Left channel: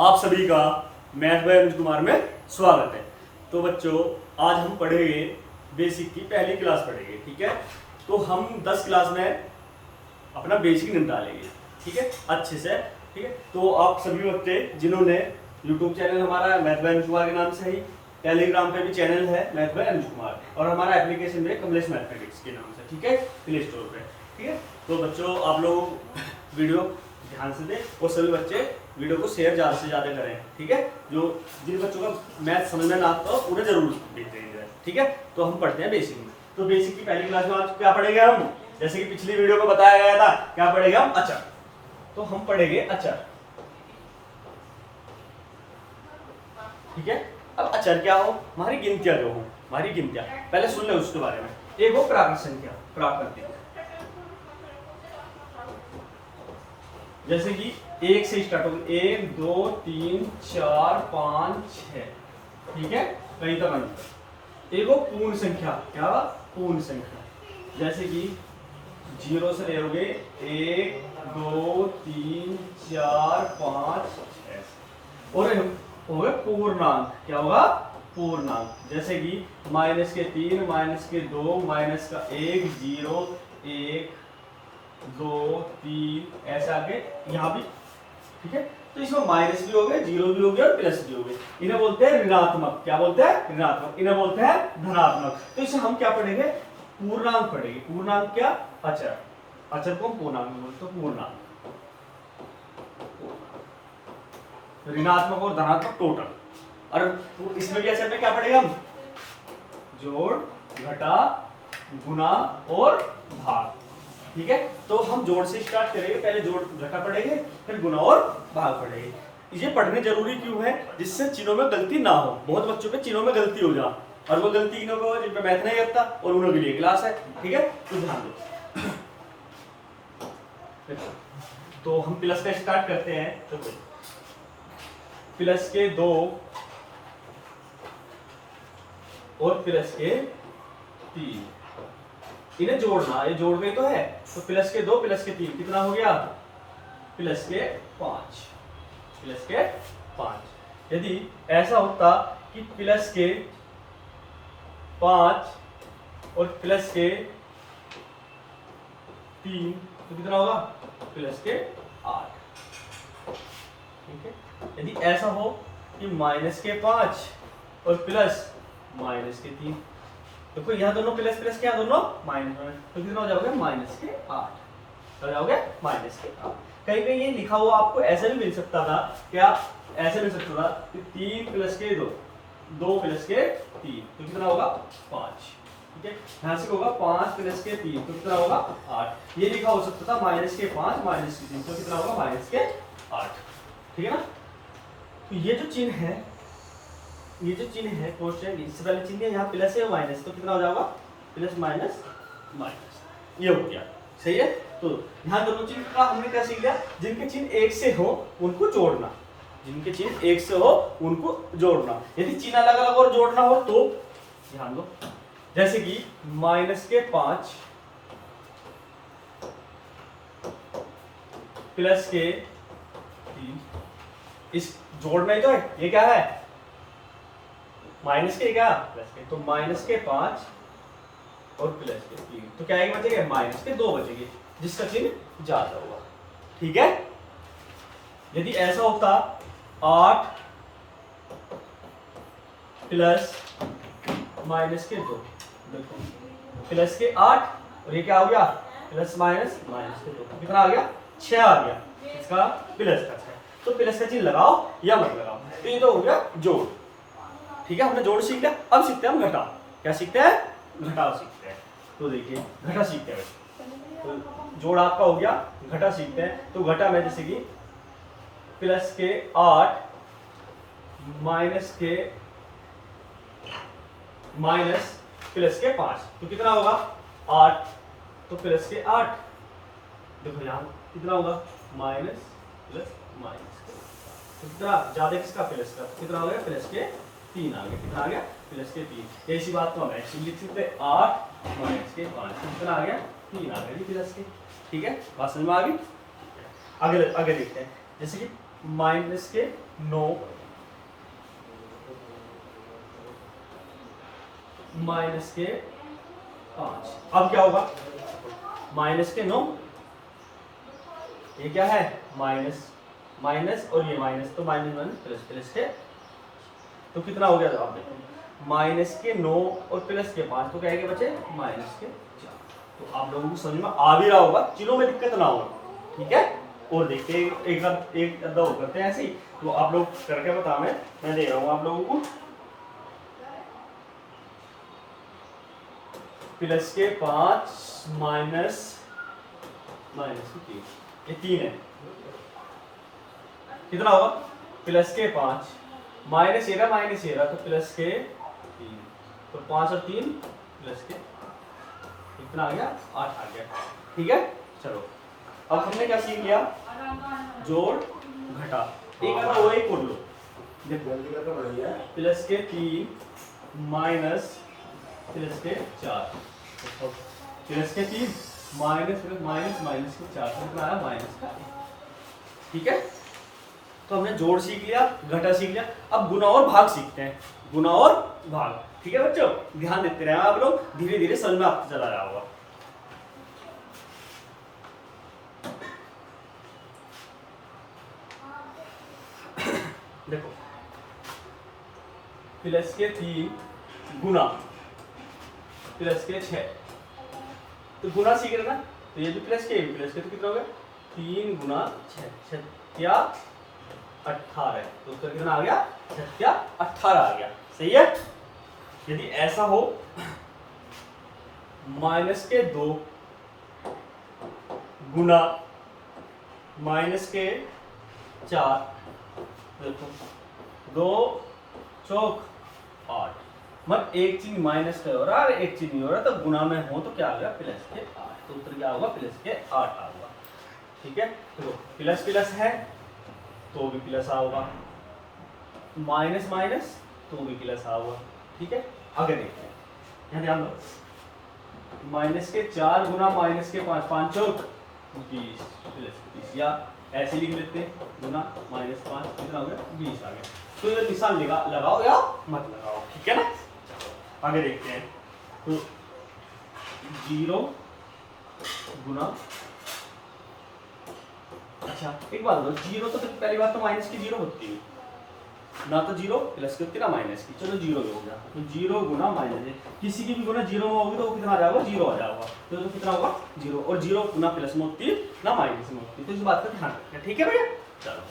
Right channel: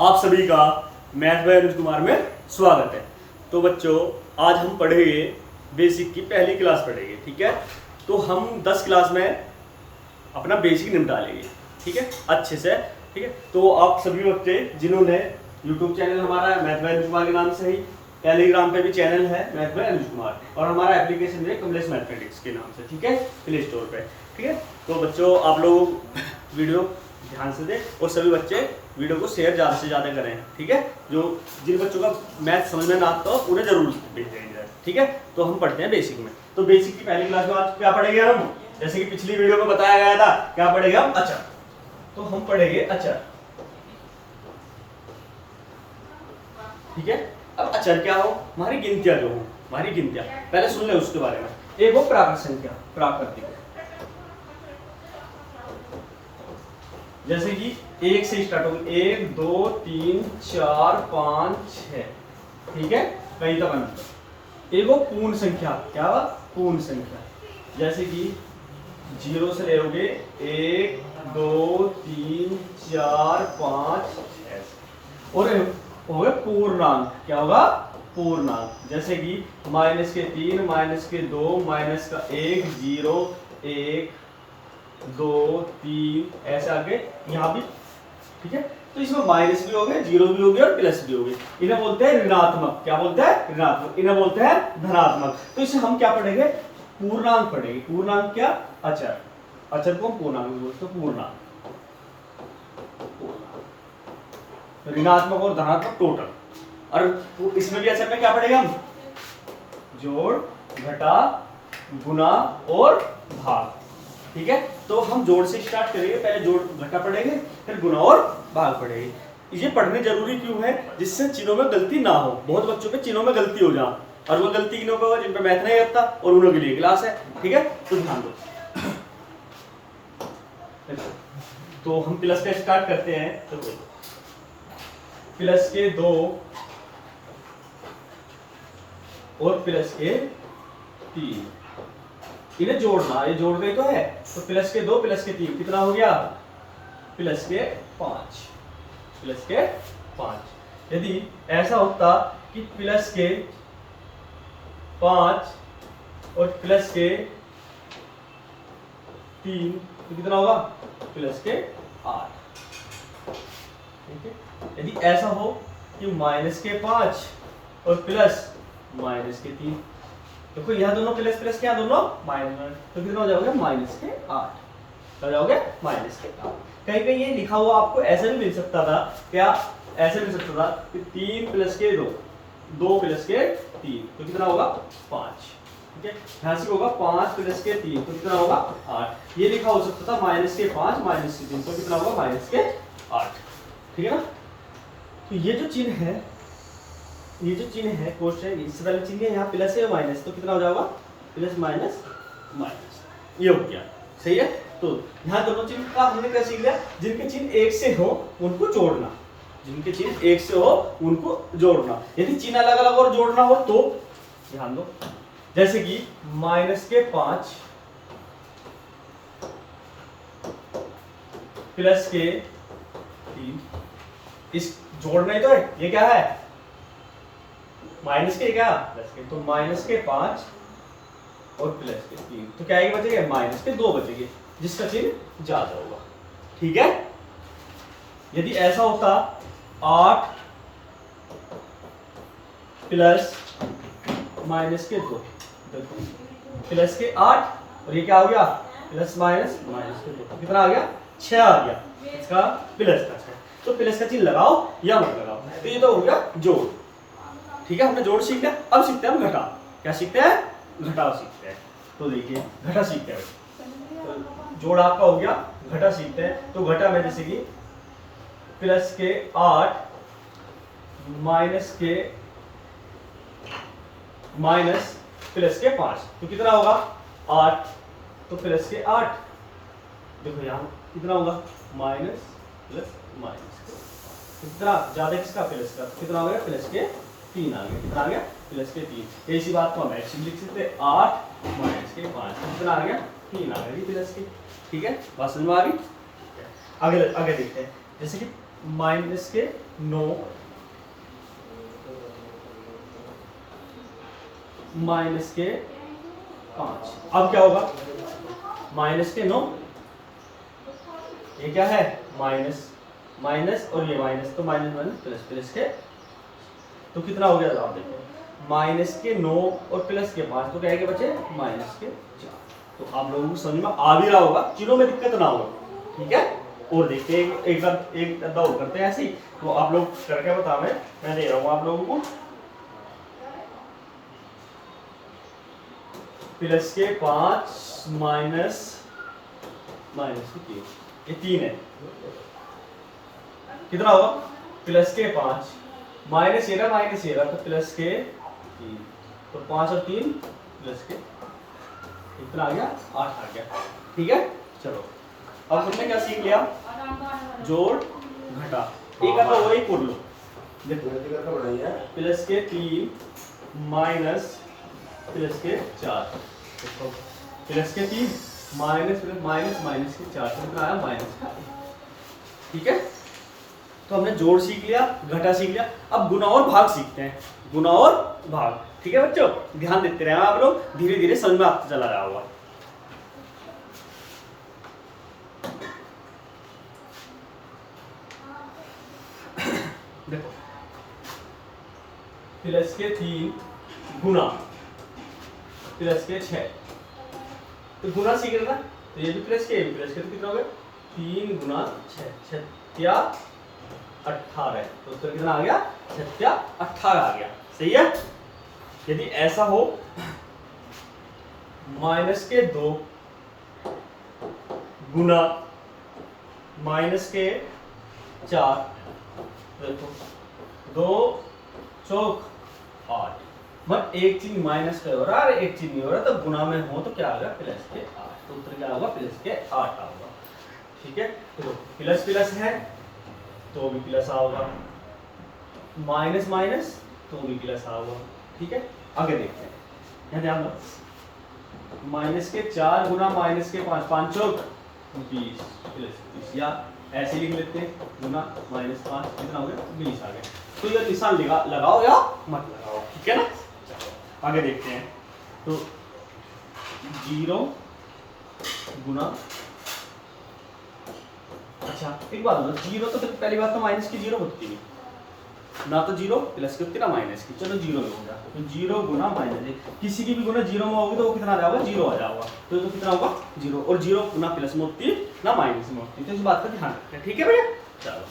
आप सभी का मैथ बाय अनुज कुमार में स्वागत है। तो बच्चों, आज हम पढ़ेंगे बेसिक की पहली क्लास पढ़ेंगे, ठीक है। तो हम 10 क्लास में अपना बेसिक निपटा लेंगे, ठीक है, अच्छे से, ठीक है। तो आप सभी बच्चे जिन्होंने यूट्यूब चैनल हमारा मैथ बाय अनुज कुमार के नाम से ही, टेलीग्राम पे भी चैनल है मैथ बाय अनुज कुमार, और हमारा एप्लीकेशन है कमलेश मैथमेटिक्स के नाम से, ठीक है, प्ले स्टोर पे, ठीक है। तो बच्चों, आप लोग वीडियो ध्यान से दें और सभी बच्चे वीडियो को शेयर ज़्यादा से ज़्यादा करें, ठीक है। जो जिन बच्चों का मैथ समझ में ना आता हो उन्हें जरूर भेजेंगे, ठीक है। तो हम पढ़ते हैं बेसिक में। तो बेसिक की पहली क्लास में आज क्या पढ़ेंगे हम, जैसे कि पिछली वीडियो में बताया गया था, क्या पढ़ेंगे हम, अचर। तो हम पढ़ेंगे अचर, ठीक है। अब अचर क्या हो, हमारी गिनतियां जो हो, हमारी गिनतियां पहले सुन ले उसके बारे में। एक हो प्राकृत संख्या, प्राकृतिक, जैसे कि एक से स्टार्ट होगी, 1 2 3 4 5 6, ठीक है, कहीं तक अंतर। एक वो पूर्ण संख्या, क्या पूर्ण संख्या, जैसे कि 0 से ले लोगे 1 2 3 4 5 6, और हो गया पूर्णांक, क्या होगा पूर्णांक, जैसे कि -3 -2 -1 0 1 2 3 ऐसे आगे यहाँ भी, ठीक है। तो इसमें माइनस भी हो गए, जीरो भी हो गया और प्लस भी हो गए। इन्हें बोलते हैं ऋणात्मक, क्या बोलते हैं ऋणात्मक, इन्हें बोलते हैं धनात्मक। तो इसे हम क्या पढ़ेंगे, पूर्णांक पढ़ेंगे। पूर्णांक क्या, अचर, अचर को हम पूर्णांक बोलते हैं, पूर्णांक, ऋणात्मक और धनात्मक टोटल। और इसमें भी अचर में क्या पढ़ेंगे हम, जोड़, घटा, गुना और भाग, ठीक है। तो हम जोड़ से स्टार्ट करेंगे, पहले जोड़ घटा पढ़ेंगे, फिर गुना और भाग पढ़ेंगे। ये पढ़ने जरूरी क्यों है, जिससे चिन्हों में गलती ना हो। बहुत बच्चों पे चिन्हों में गलती हो जाए, और वो गलती किन्हों पे हो, जिन पे मैथ नहीं आता और उन्हों के लिए क्लास है, ठीक है। तो ध्यान दो। तो हम प्लस का स्टार्ट करते हैं। तो प्लस के 2 और प्लस के 3, इन्हें जोड़ना, ये जोड़ गई तो है। तो प्लस के 2 प्लस के 3 कितना हो गया, प्लस के 5, प्लस के 5। यदि ऐसा होता कि प्लस के 5 और प्लस के 3, तो कितना होगा, प्लस के 8, ठीक है। यदि ऐसा हो कि माइनस के 5 और प्लस माइनस के 3, तो यहाँ दोनों प्लस प्लस क्या, दोनों माइनस, तो कितना हो जाओगे, माइनस के 8 हो जाओगे, माइनस के 8। कहीं कहीं ये लिखा हुआ आपको ऐसा भी मिल सकता था, क्या ऐसा मिल सकता था कि 3 प्लस के 2, 2 प्लस के 3, तो कितना होगा 5, ठीक है। यहाँ से होगा 5 प्लस के 3, तो कितना होगा 8। ये लिखा हो सकता था माइनस के 5 माइनस के 3, तो कितना होगा माइनस के 8, ठीक है ना। तो ये जो चिन्ह है, ये जो चिन्ह है क्वेश्चन, इससे पहले चिन्ह है, यहाँ प्लस है माइनस, तो कितना हो जाएगा प्लस माइनस माइनस, ये हो गया, सही है। तो यहाँ दोनों चिन्ह का हमने क्या सीख लिया, जिनके चिन्ह एक से हो उनको जोड़ना, जिनके चिन्ह एक से हो उनको जोड़ना। यदि चिन्ह अलग अलग और जोड़ना हो तो ध्यान दो, जैसे कि माइनस के 5 प्लस के 3, इस जोड़ना ही तो है, ये क्या है माइनस के, क्या प्लस के, तो माइनस के 5 और प्लस के 3, तो क्या आगे बचेगा, माइनस के 2 बचेंगे, जिसका चिन्ह ज्यादा होगा, ठीक है। यदि ऐसा होता 8 प्लस माइनस के 2, प्लस के 8 और ये क्या हो गया, प्लस माइनस माइनस के 2, कितना आ गया 6 आ गया, इसका प्लस का 6। तो प्लस का चिन्ह लगाओ या मत लगाओ, तो ये तो हो गया जोड़, ठीक है। हमने जोड़ सीख लिया, अब सीखते हैं हम घटा। क्या सीखते हैं, घटाव सीखते हैं। तो देखिए घटा सीखते हैं, तो जोड़ आपका हो गया, घटा सीखते हैं। तो घटा में जैसे कि प्लस के 8 माइनस प्लस के 5, तो कितना होगा 8, तो प्लस के 8, देखो यहाँ कितना होगा माइनस प्लस माइनस, तो कितना ज्यादा किसका, प्लस का, कितना हो गया प्लस के 3 आ गया, कितना आ गया प्लस के 3। इसी बात को हम ऐसे लिख सकते हैं, 8 माइनस के 5, कितना आ गया 3 आ गया प्लस के, ठीक है। बात समझ में आ गई। आगे आगे देखते हैं, जैसे कि माइनस के 9 माइनस के 5। अब क्या होगा, माइनस के 9, ये क्या है माइनस माइनस और ये माइनस, तो माइनस माइनस प्लस, प्लस के, तो कितना हो गया आप देखो, माइनस के 9 और प्लस के 5, तो क्या है कि बचे माइनस के 4। तो आप लोगों को समझ में आ भी रहा होगा, चीजों में दिक्कत ना हो, ठीक है। और देखते हैं एक बार एक अद्दा और करते हैं ऐसे ही, तो आप लोग करके बताओ, मैं दे रहा हूँ आप लोगों को। प्लस के 5 माइनस माइनस के 3, ये 3 है, कितना होगा, प्लस के 5 माइनस ये रहा, तो प्लस के 3, तो 5 और 3 प्लस के, कितना आ गया 8 आ गया, ठीक है। चलो अब हमने क्या सीख लिया, जोड़ घटा, एक आता वो एक कर लो, देखो प्लस के 3 माइनस प्लस के 4, प्लस के 3 माइनस माइनस माइनस के 4, तो कितना आया माइनस का 1, ठीक है। तो हमने जोड़ सीख लिया, घटा सीख लिया, अब गुणा और भाग सीखते हैं, गुणा और भाग, ठीक है बच्चों, ध्यान देते रहे आप लोग, धीरे धीरे समझ में आपको चला रहा होगा। देखो प्लस के 3 गुना प्लस के 6, तो गुना सीख रहे ना, तो ये भी प्लस के, ये भी प्लस के, तो कितना हो गया 3 गुना 6, 6 या 18, तो उत्तर कितना आ गया 6 या 18 आ गया, सही है। यदि ऐसा हो माइनस के 2 गुना माइनस के 4, देखो 2 चौक 8, मतलब एक चीज माइनस का हो रहा है एक चीज नहीं हो रहा, तो गुना में हो तो क्या आ गया प्लस के 8, तो उत्तर क्या होगा प्लस के 8 आ गया, ठीक है। तो प्लस प्लस है तो भी प्लस आओगा, माइनस माइनस तो भी प्लस आओगा, ठीक है। आगे देखते हैं, यहाँ ध्यान दो, माइनस के 4 गुना माइनस के 5, 5 चौक 20 प्लस 20, या ऐसे लिख लेते हैं गुना माइनस 5, कितना हो गया 20 आ गया। तो ये निशान लगाओ या मत लगाओ, ठीक है ना। चलो आगे देखते हैं, तो 0 गुना, अच्छा एक बात बताओ, 0 तो पहली बात तो माइनस की 0 होती है ना, तो 0 प्लस की होती है ना माइनस की, चलो 0 हो गया, तो 0 गुना माइनस, किसी की भी गुना 0 में होगी तो वो कितना आ जाएगा 0 आ जाएगा, तो कितना होगा 0, और 0 गुना प्लस में होती है ना माइनस में होती है, तो इस बात का ध्यान रखना है, ठीक है भैया। चलो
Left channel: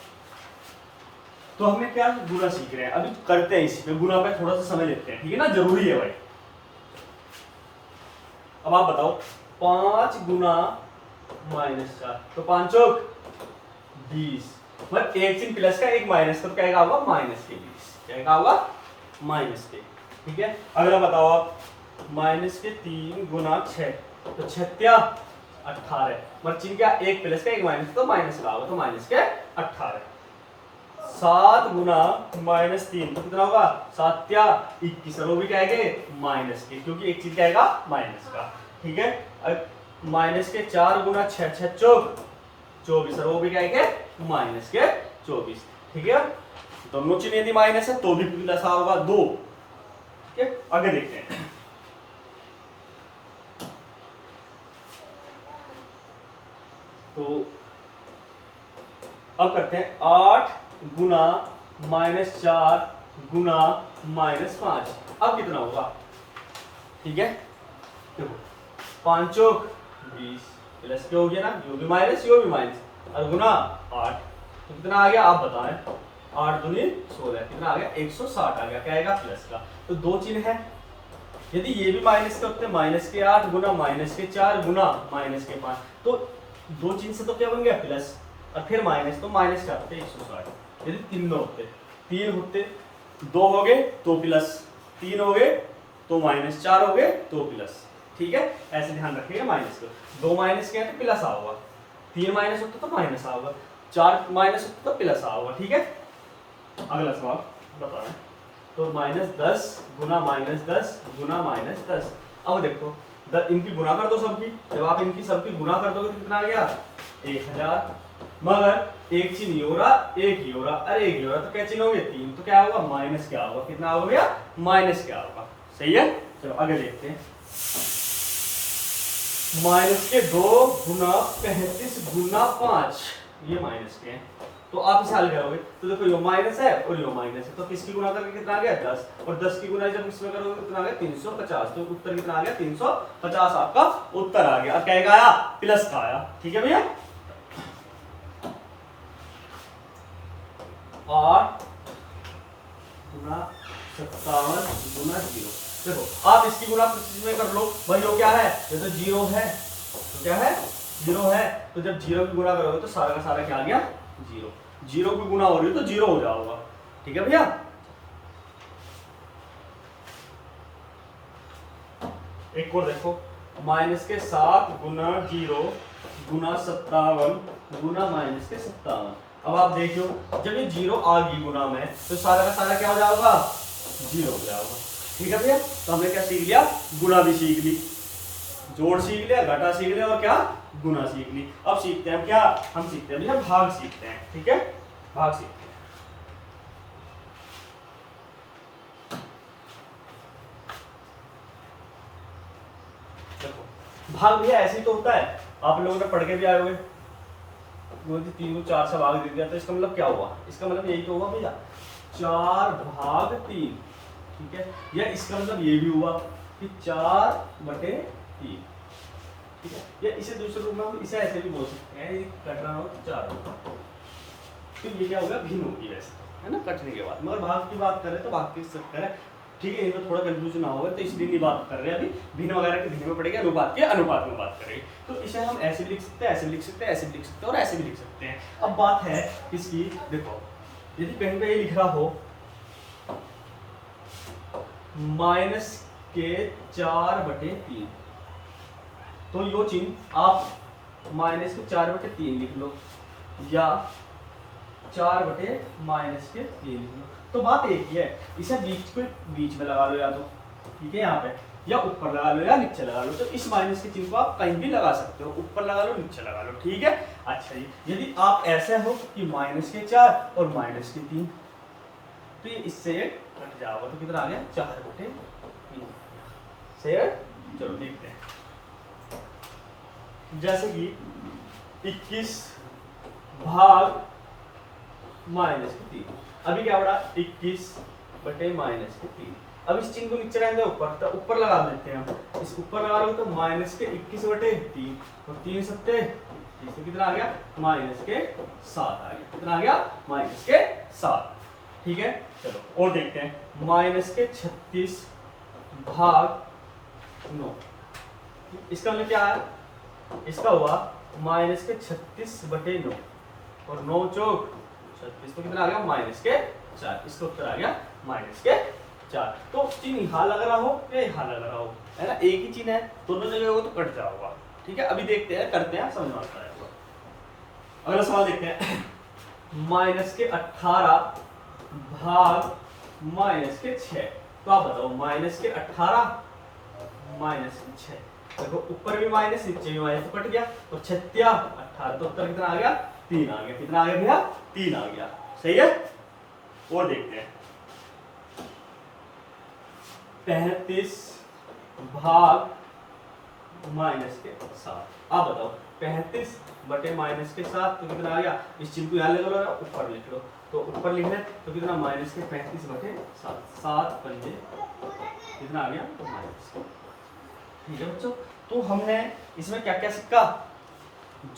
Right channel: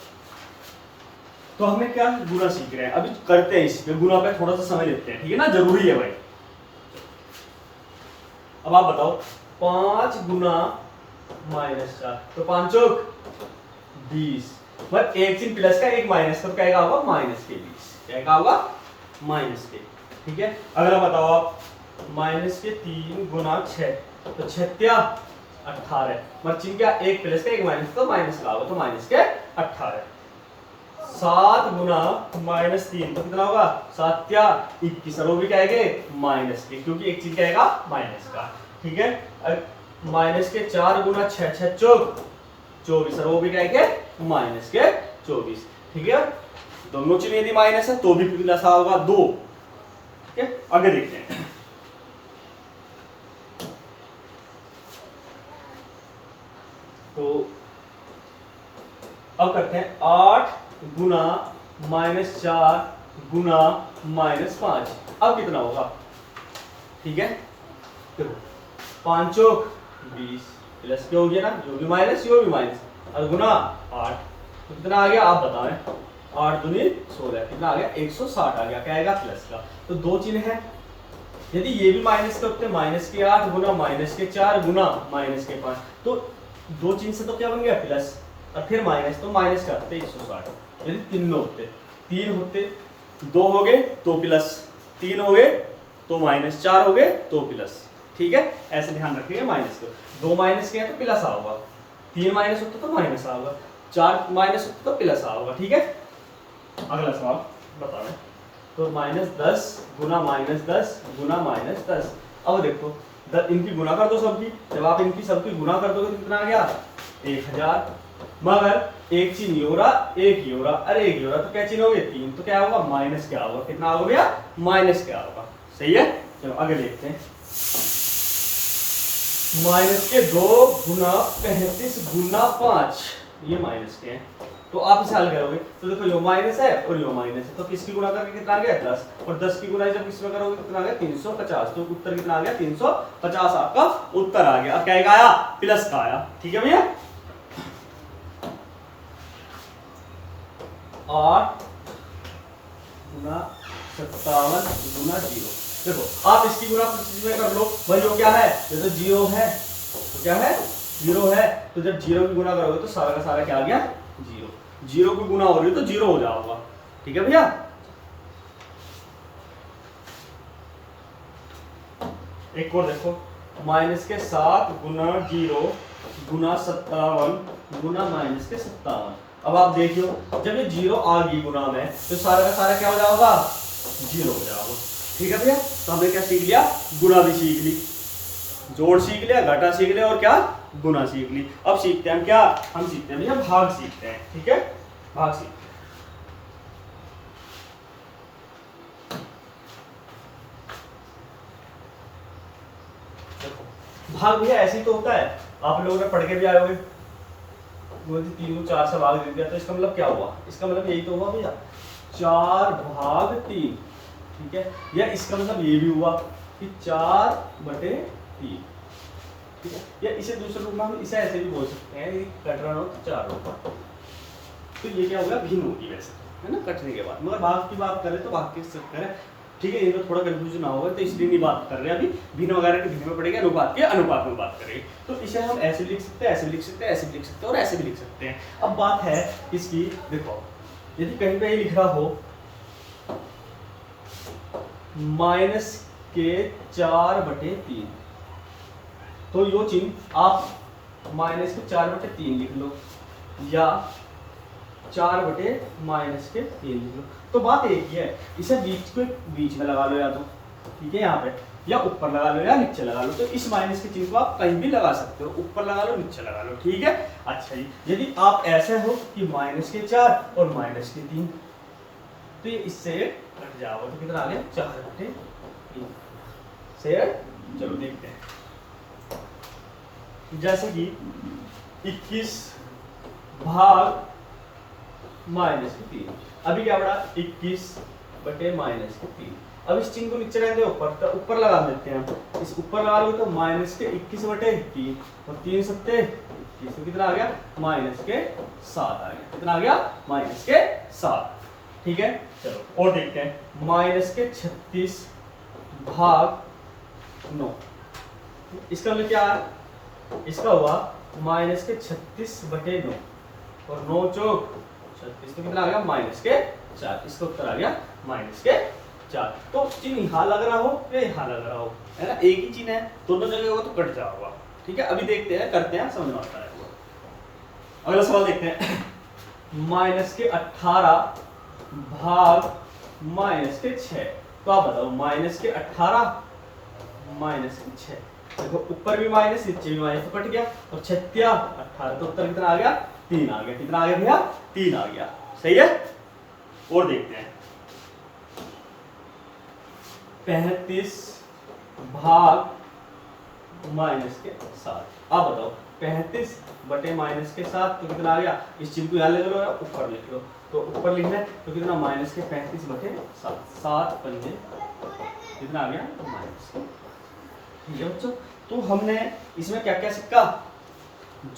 तो हमने क्या गुना सीख रहे हैं, अभी करते हैं इसमें, गुना पे थोड़ा सा समय लेते हैं, ठीक है ना, जरूरी है भाई। अब आप बताओ 5 गुना माइनस 4, तो 5 चौक 20, मतलब एक चिन्ह प्लस का एक माइनस, तो क्या होगा माइनस के 20, क्या होगा माइनस के, ठीक है। अगला बताओ आप, माइनस के 3 गुना 6, तो 6 या 18, मतलब चिन्ह क्या एक प्लस का एक माइनस, तो माइनस का होगा, तो माइनस के 18। 7 गुना माइनस 3, तो कितना होगा 7 या 21, और वो भी क्या है माइनस के, क्योंकि एक चीज क्या आएगा माइनस का, ठीक है। माइनस के 4 गुना 6, 6 चौक 24, और वो भी क्या है माइनस के 24, ठीक है। दोनों चिन्ह यदि माइनस है तो भी प्लस होगा 2, ठीक है। आगे देखते हैं, तो अब करते हैं 8 गुना माइनस 4 गुना माइनस 5, अब कितना होगा, ठीक है। 5 चौक 20 प्लस क्या हो गया ना, जो भी माइनस यो भी माइनस, और गुना 8, तो कितना आ गया आप बताएं, 8 दूनी 16, कितना आ गया 160 आ गया, क्या आएगा प्लस का। तो दो चिन्ह है, यदि ये भी माइनस के होते माइनस के 8 गुना माइनस के 4 गुना माइनस के 5, तो दो चिन्ह से तो क्या बन गया प्लस, और फिर माइनस, तो माइनस का होते 160, यदि तीन होते, 3 होते, 2 हो गए तो प्लस, 3 हो गए तो माइनस, 4 हो गए तो प्लस, ठीक है। ऐसे ध्यान रखिएगा माइनस को, 2 माइनस किया तो प्लस आओगा, 3 माइनस होता तो माइनस आओगा, 4 माइनस होता तो प्लस आओगा, ठीक है। अगला सवाल बता रहे, तो -10 गुना -10 गुना -10, अब देखो इनकी गुना कर दो सबकी, जब आप इनकी सबकी गुना कर दोगे तो कितना आ गया 1000, मगर एक चिन्ह ये हो रहा, एक ये हो रहा, अरे एक ये हो रहा, तो क्या चिन्ह हो गए 3, तो क्या होगा माइनस क्या होगा, कितना होगा भैया माइनस क्या होगा। सही है, चलो आगे देखते हैं। माइनस के 2 गुना 35 गुना 5, ये माइनस के हैं। तो आप इसे हल करोगे तो देखो यो माइनस है और यो माइनस है, तो किसकी गुणा करके कितना आ गया 10, और 10 की गुणा जब किसमें करोगे तो कितना आ गया 350, तो उत्तर कितना आ गया 350 आपका उत्तर आ गया। और क्या का आया, प्लस का आया। ठीक है भैया, 8 गुना 57 गुना 0। देखो आप इसकी गुणा में कर लो, भाई यो क्या है, ये तो 0 है, तो क्या है 0 है, तो जब 0 की गुणा करोगे तो सारा का सारा क्या आ गया 0, 0 की गुणा हो रही है तो 0 हो जाएगा। ठीक है भैया, एक और देखो, माइनस के 7 गुना 0 गुना 57 गुना माइनस के 57। अब आप देखो जब ये 0 आ गई गुना में तो सारा का सारा क्या हो जाएगा 0 हो जाएगा। ठीक है भैया, तो हमने क्या सीख लिया, गुणा भी सीख ली, जोड़ सीख लिया, घटा सीख लिया और क्या गुणा सीख ली। अब सीखते हैं क्या, हम सीखते हैं भैया भाग सीखते हैं। ठीक है, भाग सीखते हैं। भाग भैया ऐसे ही तो होता है, आप लोगों ने पढ़ के भी आए हुए, 3 को 4 से भाग दे दिया, तो इसका मतलब क्या हुआ, इसका मतलब यही तो हुआ भैया 4 भाग 3। ठीक है, या इसका मतलब ये भी हुआ कि 4/3। ठीक है, या इसे दूसरे रूप में हम इसे ऐसे भी बोल सकते हैं, कट रहा हो तो 4 होगा, तो ये क्या होगा भिन्न होगी वैसे, है ना, कटने के बाद। मगर भाग की बात करें तो भाग की करें, ठीक है, ये तो थोड़ा कंफ्यूजन ना होगा, तो इसलिए नहीं बात कर रहे हैं अभी, भिन्न वगैरह के भिन्न में पड़ेगा, अनुपात के अनुपात में बात करेंगे। तो इसे हम ऐसे भी लिख सकते हैं, ऐसे भी लिख सकते हैं, ऐसे भी लिख सकते हैं और ऐसे भी लिख सकते हैं। अब बात है इसकी, देखो यदि कहीं पे ये लिख रहा हो माइनस के 4/3, तो यो चिन्ह आप माइनस के 4/3 लिख लो या 4/-3 लिख लो, तो बात एक ही है, इसे बीच में लगा लो या तो, ठीक है, यहाँ पे या ऊपर लगा लो या नीचे लगा लो। तो इस माइनस के चिन्ह को आप कहीं भी लगा सकते हो, ऊपर लगा लो नीचे लगा लो। ठीक है, अच्छा जी, यदि आप ऐसा हो कि माइनस के 4 और माइनस के 3, तो ये इससे कट जाएगा, तो कितना आ गया 4/3। सही है, चलो देखते हैं, जैसे कि 21 भाग माइनस के 3, अभी क्या पड़ा 21/-3। अब इस चिन्ह को नीचे रहने दो, ऊपर, तो ऊपर लगा देते हैं हम, इस ऊपर लगा लो तो माइनस के 21/3 और 3 सत्ते 21, तो कितना आ गया माइनस के 7 आ गया, कितना आ गया माइनस के 7। ठीक है, चलो और देखते हैं, माइनस के 36 भाग 9, इसका मतलब क्या है, इसका हुआ माइनस के 36/9 और 9 चौक 36, तो कितना आ गया माइनस के 4, इसका उत्तर आ गया माइनस के 4। तो चिन्ह यहाँ लग रहा हो या यहाँ लग रहा हो, है ना, एक ही चिन्ह है, दोनों जगह होगा तो कट जाएगा। ठीक है, अभी देखते हैं, करते हैं, समझ में आता है। अगला सवाल देखते हैं, माइनस के 18 भाग माइनस के 6, तो आप बताओ माइनस के 18 माइनस के 6, देखो ऊपर भी माइनस नीचे भी माइनस, तो कट गया, और 6 18, तो उत्तर कितना आ गया 3 आ गया, कितना आ गया भैया 3 आ गया। सही है, और देखते हैं, 35 भाग माइनस के 7, आप बताओ 35/-7, तो कितना आ गया, इस चिन्ह को यहाँ ले लो या ऊपर लिख लो, तो ऊपर लिखना है तो कितना माइनस के 35/7, 7 पंजे कितना आ गया माइनस। ठीक है बच्चों, तो हमने इसमें क्या क्या सीखा,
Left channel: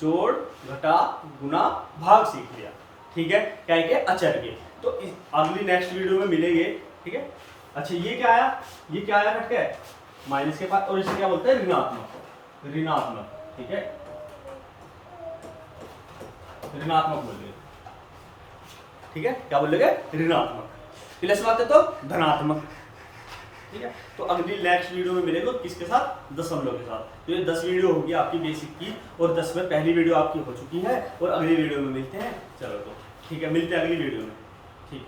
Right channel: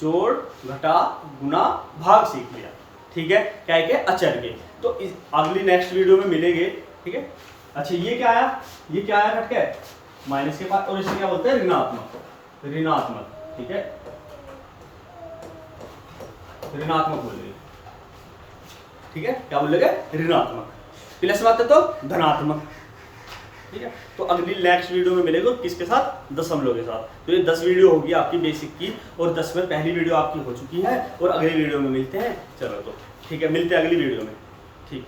जोड़ घटा गुना भाग सीख लिया। ठीक है, क्या है कि अचर के, तो अगली नेक्स्ट वीडियो में मिलेंगे। ठीक है, अच्छा ये क्या आया, ये क्या आया कट के माइनस के पास, और इसे क्या बोलते हैं ऋणात्मक, ऋणात्मक। ठीक है, ऋणात्मक बोल रहे, ठीक है, क्या बोल रहे ऋणात्मक, प्लस बात है तो धनात्मक। ठीक है, तो अगली नेक्स्ट वीडियो में मिलेगा किसके साथ, दशमलव के साथ। तो ये 10 वीडियो होगी आपकी बेसिक की, और 10 में पहली वीडियो आपकी हो चुकी है, और अगली वीडियो में मिलते हैं। चलो तो ठीक है, मिलते हैं अगली वीडियो में। ठीक।